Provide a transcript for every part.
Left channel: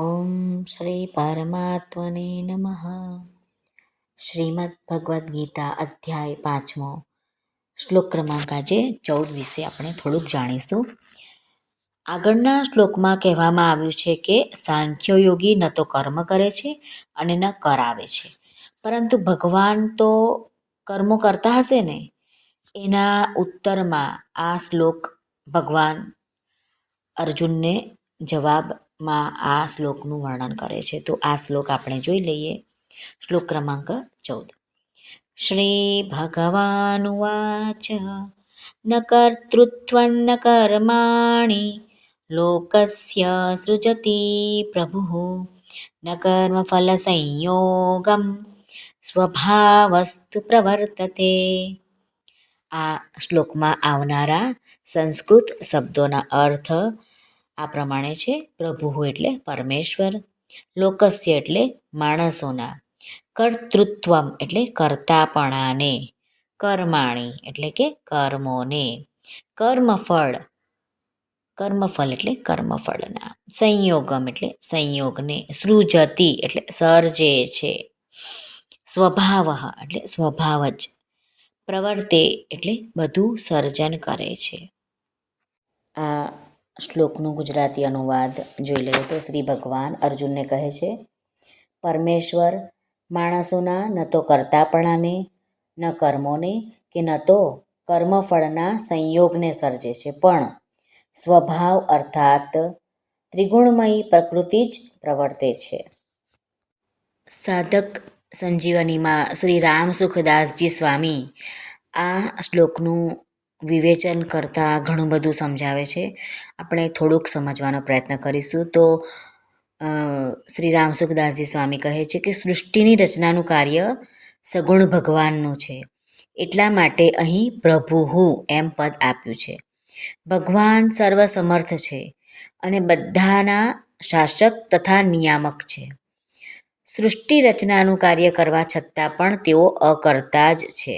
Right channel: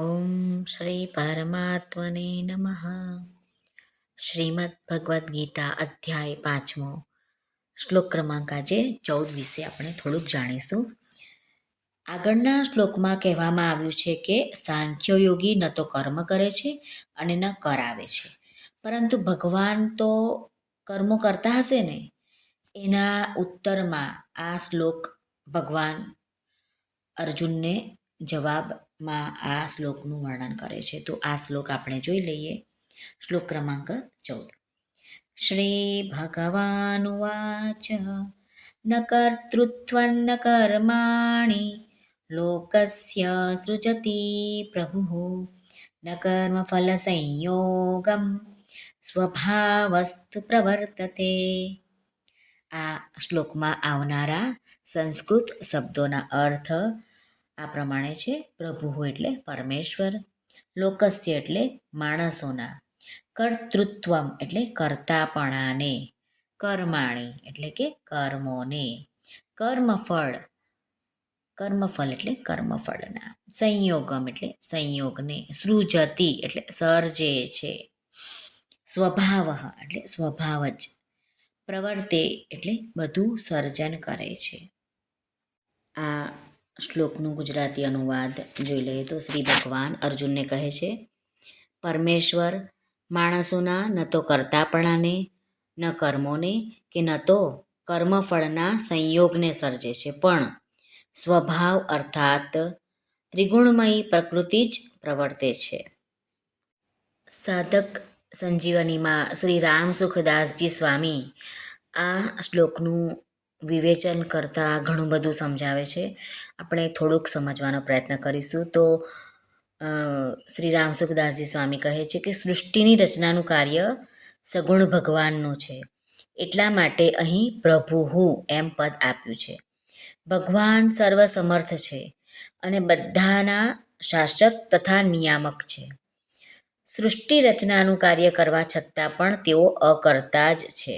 ઓમ શ્રી પરમાત્મને નમઃ શ્રીમદ ભગવદ્ ગીતા અધ્યાય પાંચમો શ્લોક ક્રમાંક આજે ચૌદ વિશે આપણે થોડુંક જાણીશું. આગળના શ્લોકમાં કહેવામાં આવ્યું છે કે સાંખ્ય યોગી ન તો કર્મ કરે છે અને ન કરાવે છે. પરંતુ ભગવાન તો કર્મો કરતા હશે ને? એના ઉત્તરમાં આ શ્લોક ભગવાન અર્જુનને જવાબમાં આ શ્લોકનું વર્ણન કરે છે. તો આ શ્લોક આપણે જોઈ લઈએ. શ્લોક ક્રમાંક ચૌદ. શ્રી ભગવાનુવાચ ન કર્તૃત્વં ન કર્માણી લોકસ્ય સૃજતિ પ્રભુ, ન કર્મફલસંયોગમ સ્વભાવસ્તુ પ્રવર્તતે. આ શ્લોકમાં આવનારા સંસ્કૃત શબ્દોના અર્થ આ પ્રમાણે છે, પ્રભુ એટલે પરમેશ્વર, લોકસ્ય એટલે માણસોના, કર્તૃત્વમ એટલે કર્તાપણાને, કર્માણી એટલે કે કર્મોને, કર્મફળ કર્મફળ એટલે કર્મફળના, સંયોગમ એટલે સંયોગને, સૃજતી એટલે સર્જે છે, સ્વભાવ એટલે સ્વભાવ જ, પ્રવર્તે એટલે બધું સર્જન કરે છે. આ શ્લોકનું ગુજરાતી અનુવાદ જોઈ લઈએ તો શ્રી ભગવાન અર્જુનને કહે છે, પરમેશ્વર, માણસોના ન તો કરતાપણાને, ન કર્મોને કે ન તો કર્મફળના સંયોગને સર્જે છે. પણ સ્વભાવ અર્થાત ત્રિગુણમયી પ્રકૃતિ જ પ્રવર્તે છે. સાધક સંજીવનીમાં શ્રી રામ સુખદાસજી સ્વામી આ શ્લોકનું વિવેચન કરતાં ઘણું બધું સમજાવે છે. આપણે થોડુંક સમજવાનો પ્રયત્ન કરીશું. તો શ્રી રામ સુખદાસજી સ્વામી કહે છે કે સૃષ્ટિની રચનાનું કાર્ય સગુણ ભગવાનનું છે. એટલા માટે અહીં પ્રભુ હું એમ પદ આપ્યું છે. ભગવાન સર્વસમર્થ છે અને બધાના શાસક તથા નિયામક છે. સૃષ્ટિ રચનાનું કાર્ય કરવા છતાં પણ તેઓ અકર્તા જ છે.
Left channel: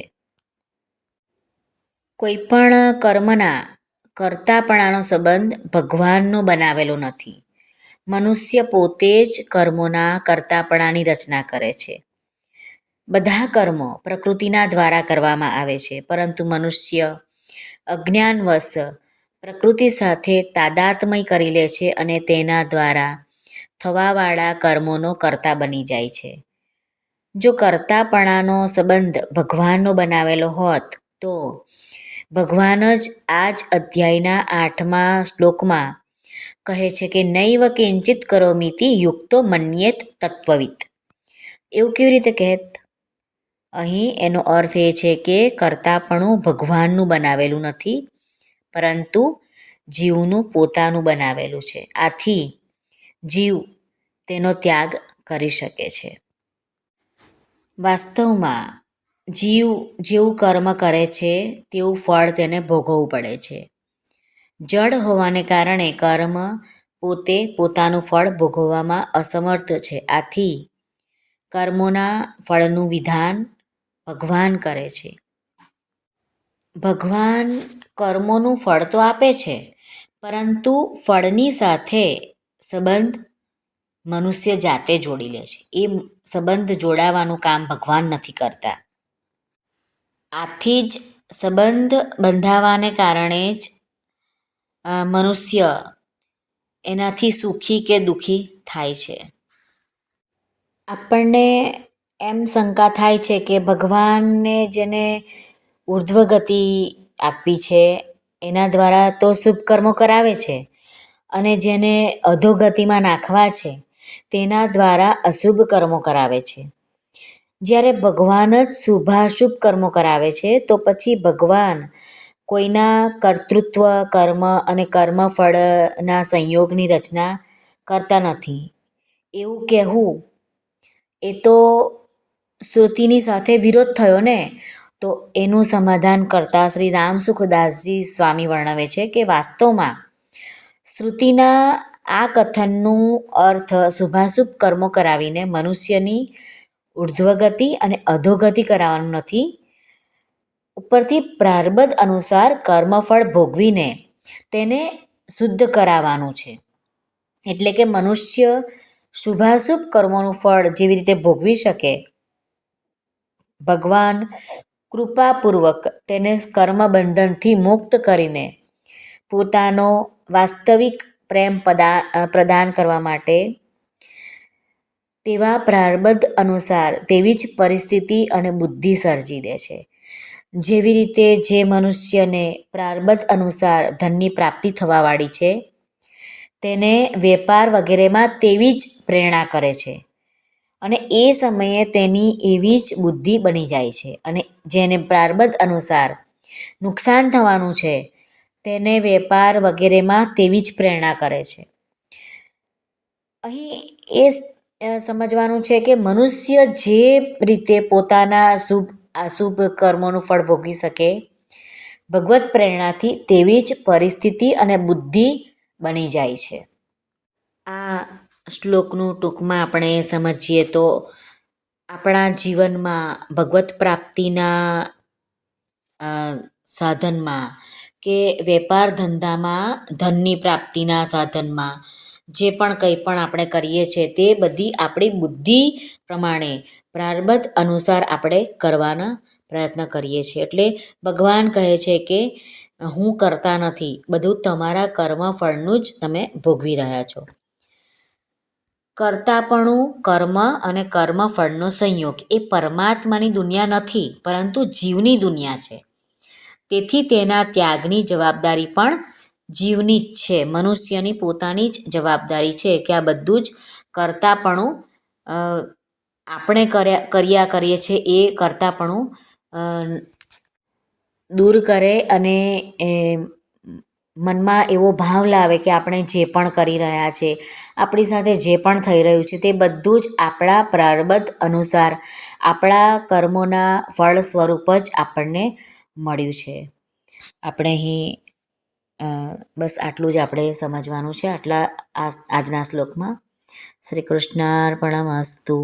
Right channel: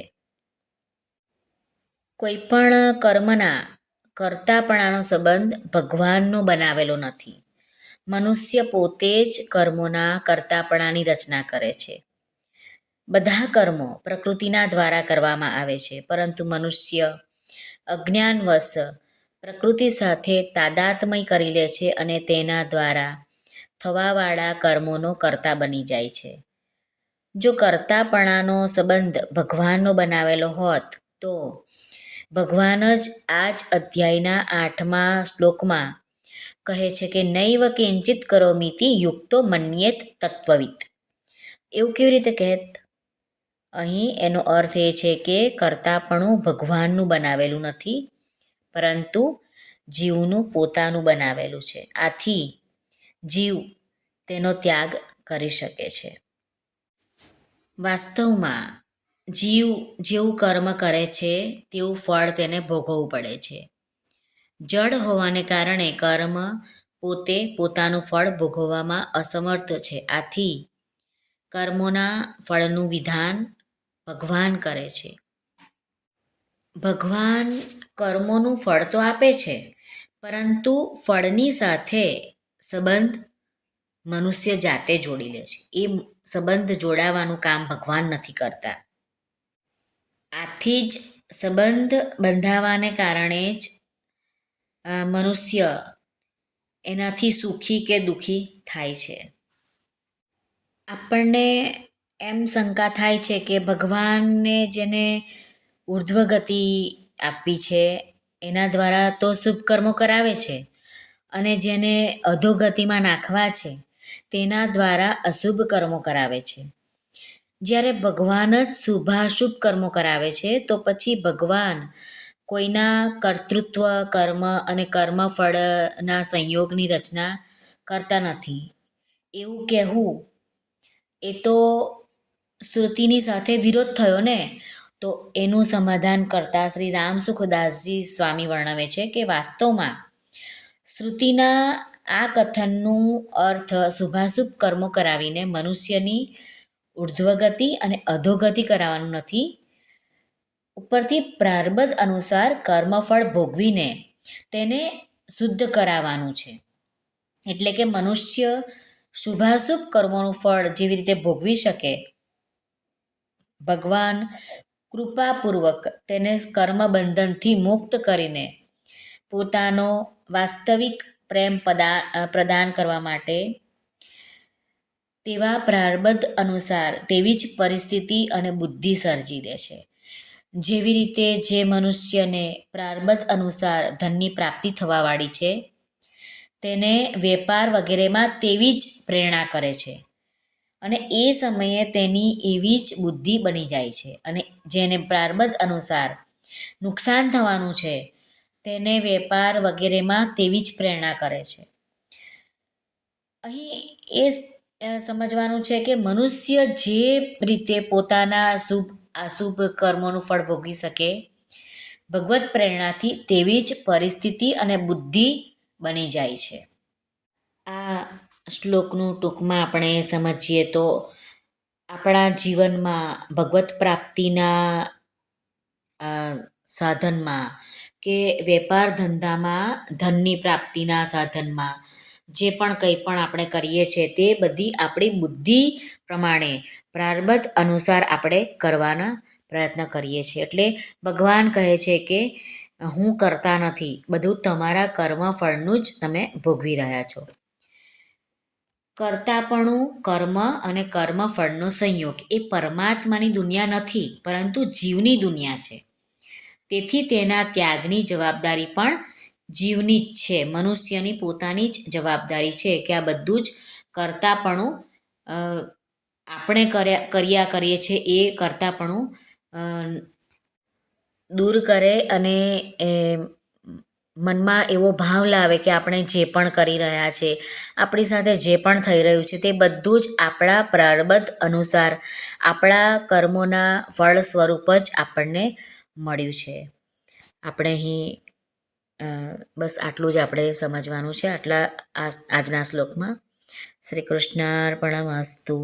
કર્તાપણાનો સંબંધ ભગવાનનો બનાવેલો નથી. મનુષ્ય પોતે જ કર્મોના કર્તાપણાની રચના કરે છે. બધા કર્મો પ્રકૃતિના દ્વારા કરવામાં આવે છે, પરંતુ મનુષ્ય અજ્ઞાનવશ પ્રકૃતિ સાથે તાદાત્મય કરી લે છે અને તેના દ્વારા થવાવાળા કર્મોનો કર્તા બની જાય છે. જો કર્તાપણાનો સંબંધ ભગવાનનો બનાવેલો હોત તો ભગવાન જ આ જ અધ્યાયના આઠમા શ્લોકમાં કહે છે કે, નૈવ કિંચિત કરોમિતિ યુક્તો મન્યેત તત્વવિત એવું કેવી રીતે કહેત? અહીં એનો અર્થ એ છે કે, કરતાપણું ભગવાનનું બનાવેલું નથી, પરંતુ જીવનું પોતાનું બનાવેલું છે. આથી જીવ તેનો ત્યાગ કરી શકે છે. વાસ્તવમાં જીવ જેવું કર્મ કરે છે, તેવું ફળ તેને ભોગવવું પડે છે. જડ હોવાને કારણે કર્મ પોતે પોતાનું ફળ ભોગવવામાં અસમર્થ છે. આથી કર્મોના ફળનું વિધાન ભગવાન કરે છે. ભગવાન કર્મોનું ફળ તો આપે છે, પરંતુ ફળની સાથે સંબંધ મનુષ્ય જાતે જોડી લે છે. એ સંબંધ જોડાવાનું કામ ભગવાન નથી કરતા. આથી જ સંબંધ બંધાવાને કારણે જ મનુષ્ય એનાથી સુખી કે દુઃખી થાય છે. આપણને એમ શંકા થાય છે કે ભગવાનને જેને ઉર્ધ્વ ગતિ આપવી છે, એના દ્વારા તો શુભ કર્મો કરાવે છે અને જેને અધોગતિમાં નાખવા છે, તેના દ્વારા અશુભ કર્મો કરાવે છે. જ્યારે ભગવાન જ શુભાશુભ કર્મો કરાવે છે, તો પછી ભગવાન કોઈના કર્તૃત્વ, કર્મ અને કર્મફળના સંયોગની રચના કરતા નથી. એવું કહેવું એ તો શ્રુતિની સાથે વિરોધ થયો ને? તો એનું સમાધાન કરતા શ્રી રામ સુખદાસજી સ્વામી વર્ણવે છે કે વાસ્તવમાં શ્રુતિના આ કથનનું અર્થ શુભાશુભ કર્મો કરાવીને મનુષ્યની ઉર્ધ્વગતિ અને અધોગતિ કરાવવાનું નથી. ઉપરથી પ્રારબ્ધ અનુસાર કર્મફળ ભોગવીને તેને શુદ્ધ કરાવવાનું છે. એટલે કે મનુષ્ય શુભાશુભ કર્મોનું ફળ જેવી રીતે ભોગવી શકે, ભગવાન કૃપાપૂર્વક તેને કર્મબંધનથી મુક્ત કરીને પોતાનો વાસ્તવિક પ્રેમ પદા, પ્રદાન કરવા માટે તેવા પ્રારબ્ધ અનુસાર તેવી જ પરિસ્થિતિ અને બુદ્ધિ સર્જી દે છે. જેવી રીતે જે મનુષ્યને પ્રારબ્ધ અનુસાર ધનની પ્રાપ્તિ થવાવાળી છે, તેને વેપાર વગેરેમાં તેવી જ પ્રેરણા કરે છે અને એ સમયે તેની એવી જ બુદ્ધિ બની જાય છે અને જેને પ્રારબ્ધ અનુસાર નુકસાન થવાનું છે, તેને વેપાર વગેરેમાં તેવી જ પ્રેરણા કરે છે. અહીં એ સમજવાનું છે કે મનુષ્ય જે રીતે પોતાના શુભ અશુભ કર્મોનું ફળ ભોગવી શકે, ભગવત પ્રેરણાથી તેવી જ પરિસ્થિતિ અને બુદ્ધિ બની જાય છે. આ શ્લોકનું ટૂંકમાં આપણે સમજીએ તો આપણા જીવનમાં ભગવત પ્રાપ્તિના સાધનમાં કે વેપાર ધંધામાં ધનની પ્રાપ્તિના સાધનમાં જે પણ કંઈ પણ આપણે કરીએ છીએ તે બધી આપણી બુદ્ધિ પ્રમાણે પ્રારબ્ધ અનુસાર આપણે કરવાના પ્રયત્ન કરીએ છીએ. એટલે ભગવાન કહે છે કે હું કરતા નથી, બધું તમારા કર્મ ફળનું જ તમે ભોગવી રહ્યા છો. કરતાપણું કર્મ અને કર્મ ફળનો સંયોગ એ પરમાત્માની દુનિયા નથી, પરંતુ જીવની દુનિયા છે. તેથી તેના ત્યાગની જવાબદારી પણ જીવની જ છે. મનુષ્યની પોતાની જ જવાબદારી છે કે આ બધું જ કરતાપણું આપણે કર્યા કર્યા કરીએ છીએ એ કરતાપણું દૂર કરે અને એ, મનમાં એવો ભાવ લાવે કે આપણે જે પણ કરી રહ્યા છે, આપણી સાથે જે પણ થઈ રહ્યું છે તે બધું જ આપણા પ્રારબ્ધ અનુસાર, આપણા કર્મોના ફળ સ્વરૂપ જ આપણને મળ્યું છે. આપણે અહીં બસ આટલું જ આપણે સમજવાનું છે. આટલા આજના શ્લોકમાં. શ્રી કૃષ્ણાર્પણમસ્તુ.